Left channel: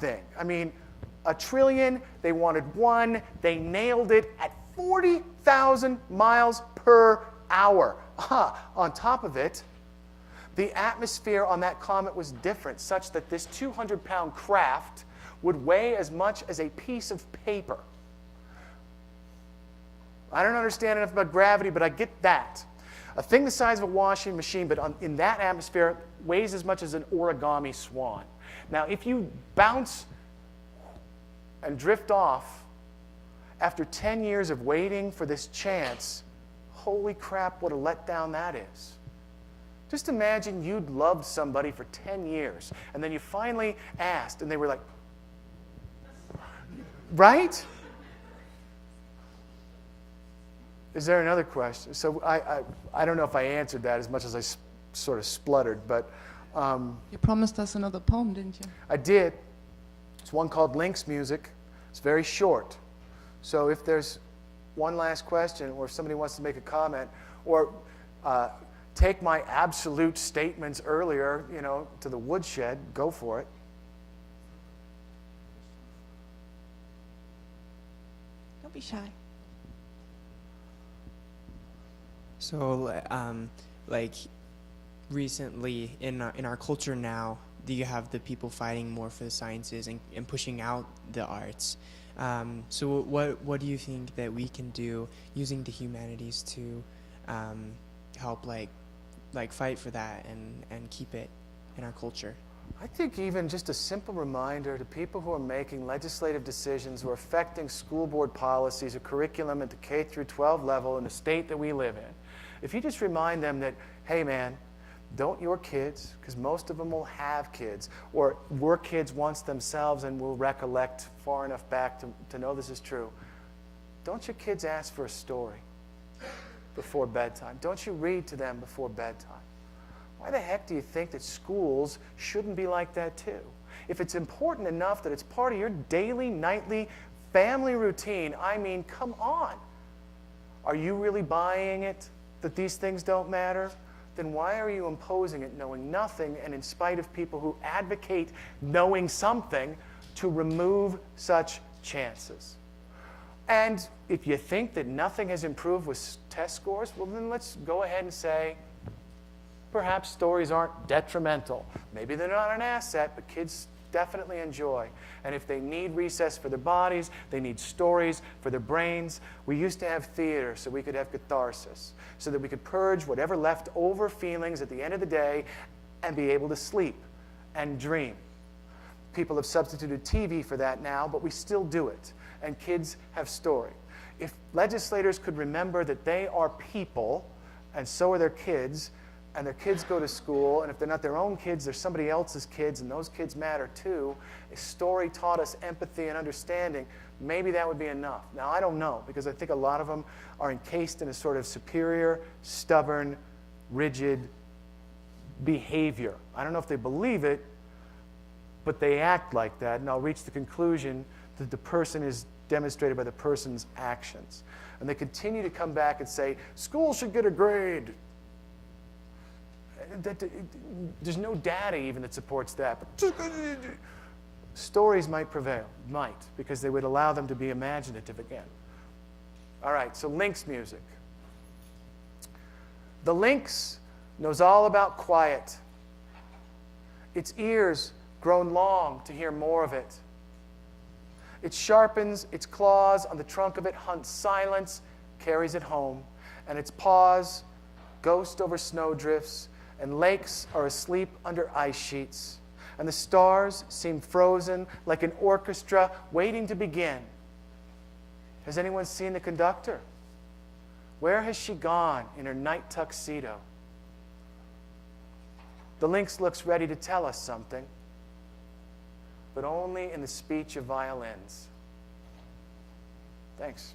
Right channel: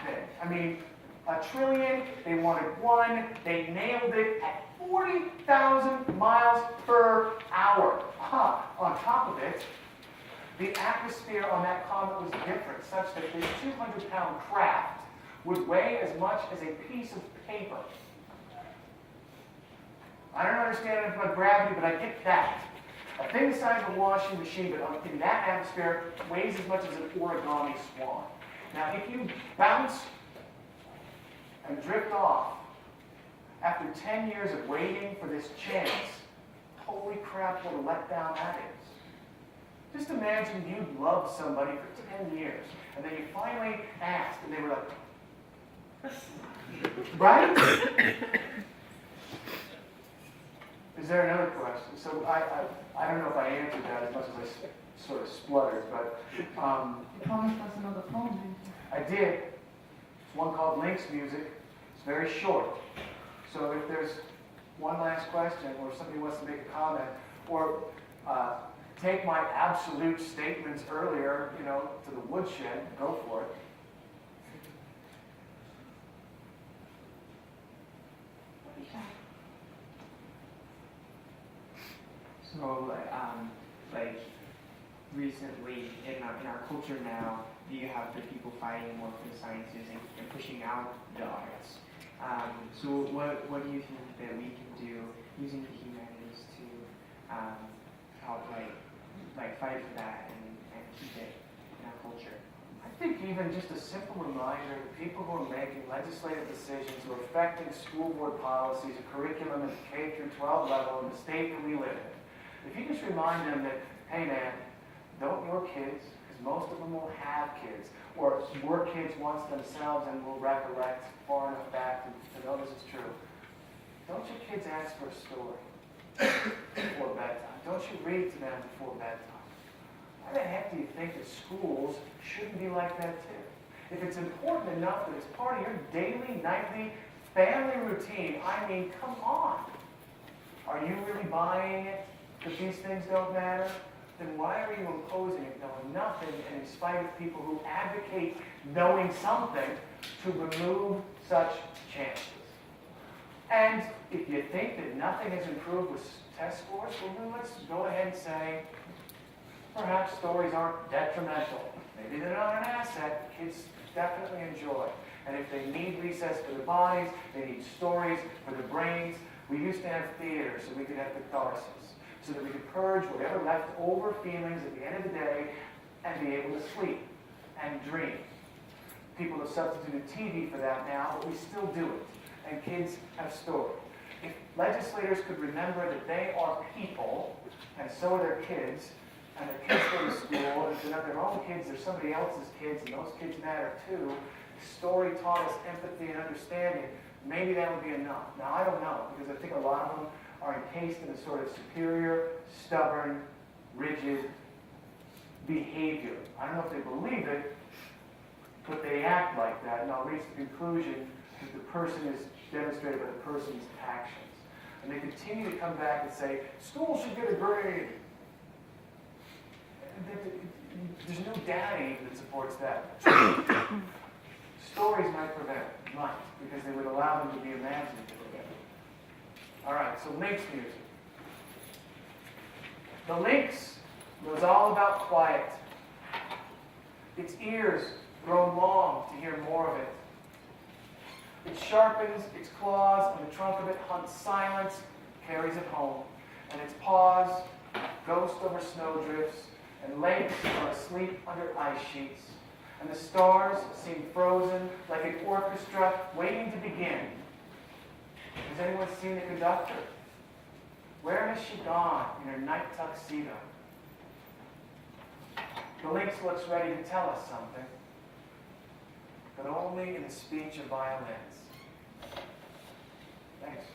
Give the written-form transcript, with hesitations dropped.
thing. I mean, a trillion, they wanted 1, they nailed it at 40,000 miles per hour. On top of it, the atmosphere on that comet was different, such that this 200-pound craft would weigh as much as a piece of paper. I don't understand enough about gravity, but I get that. A thing the size of a washing machine, but in that atmosphere, weighs as much as an origami swan. Now, if you bounce and drift off after 10 years of waiting for this chance, holy crap, what a letdown that is. Just imagine you'd loved somebody for 10 years, and then you finally asked, and they were like, right? Is there another question? So I don't know if I answered that as much as I sort of spluttered, but... you promised us another poem, didn't you? I did. It's one called Link's Music. It's very short. So if there's one last question, or if somebody wants to make a comment, or take my absolute statements earlier, to the woodshed, go for it. Don't be shy. So, like, recently in our culture now, you have the people fighting more for the sciences and pushing out the arts. So what do you think that we can do using the humanities to help like fight for that and keep it in our culture? I think even just a simple reminder to people who are making legislative decisions who are affecting school board policies or curriculum at the K through 12 level in the state that we live in. If you just remind them that, hey man, don't your kids, because most of them will have kids, or were kids once themselves and will recollect far enough back to know this is true. Don't your kids ask for a story before bedtime? Don't you read to them before bedtime? Why the heck do you think that schools shouldn't be like that too? If it's important enough that it's part of your daily, nightly, family routine, I mean, come on. Are you really buying it that these things don't matter? Then why are you imposing it knowing nothing and in spite of people who advocate knowing something to remove such chances? And if you think that nothing has improved with test scores, well then let's go ahead and say perhaps stories aren't detrimental. Maybe they're not an asset, but kids definitely enjoy. And if they need recess for their bodies, they need stories for their brains. We used to have theater so we could have catharsis, so that we could purge whatever leftover feelings at the end of the day and be able to sleep and dream. People have substituted TV for that now, but we still do it. And kids have story. If legislators could remember that they are people, and so are their kids, and their kids go to school, and if they're not their own kids, they're somebody else's kids, and those kids matter too. A story taught us empathy and understanding. Maybe that would be enough. Now, I don't know, because I think a lot of them are encased in a sort of superior, stubborn, rigid behavior. I don't know if they believe it, but they act like that, and I'll reach the conclusion that the person is demonstrated by the person's actions. And they continue to come back and say, school should get a grade. There's no data even that supports that. Stories might prevail, because they would allow them to be imaginative again. All right, so Link's music. The lynx knows all about quiet. Its ears grown long to hear more of it. It sharpens its claws on the trunk of it, hunts silence, carries it home. And its paws ghost over snowdrifts, and lakes are asleep under ice sheets. And the stars seem frozen like an orchestra waiting to begin. Has anyone seen the conductor? Where has she gone in her night tuxedo? The lynx looks ready to tell us something, but only in the speech of violins. Thanks.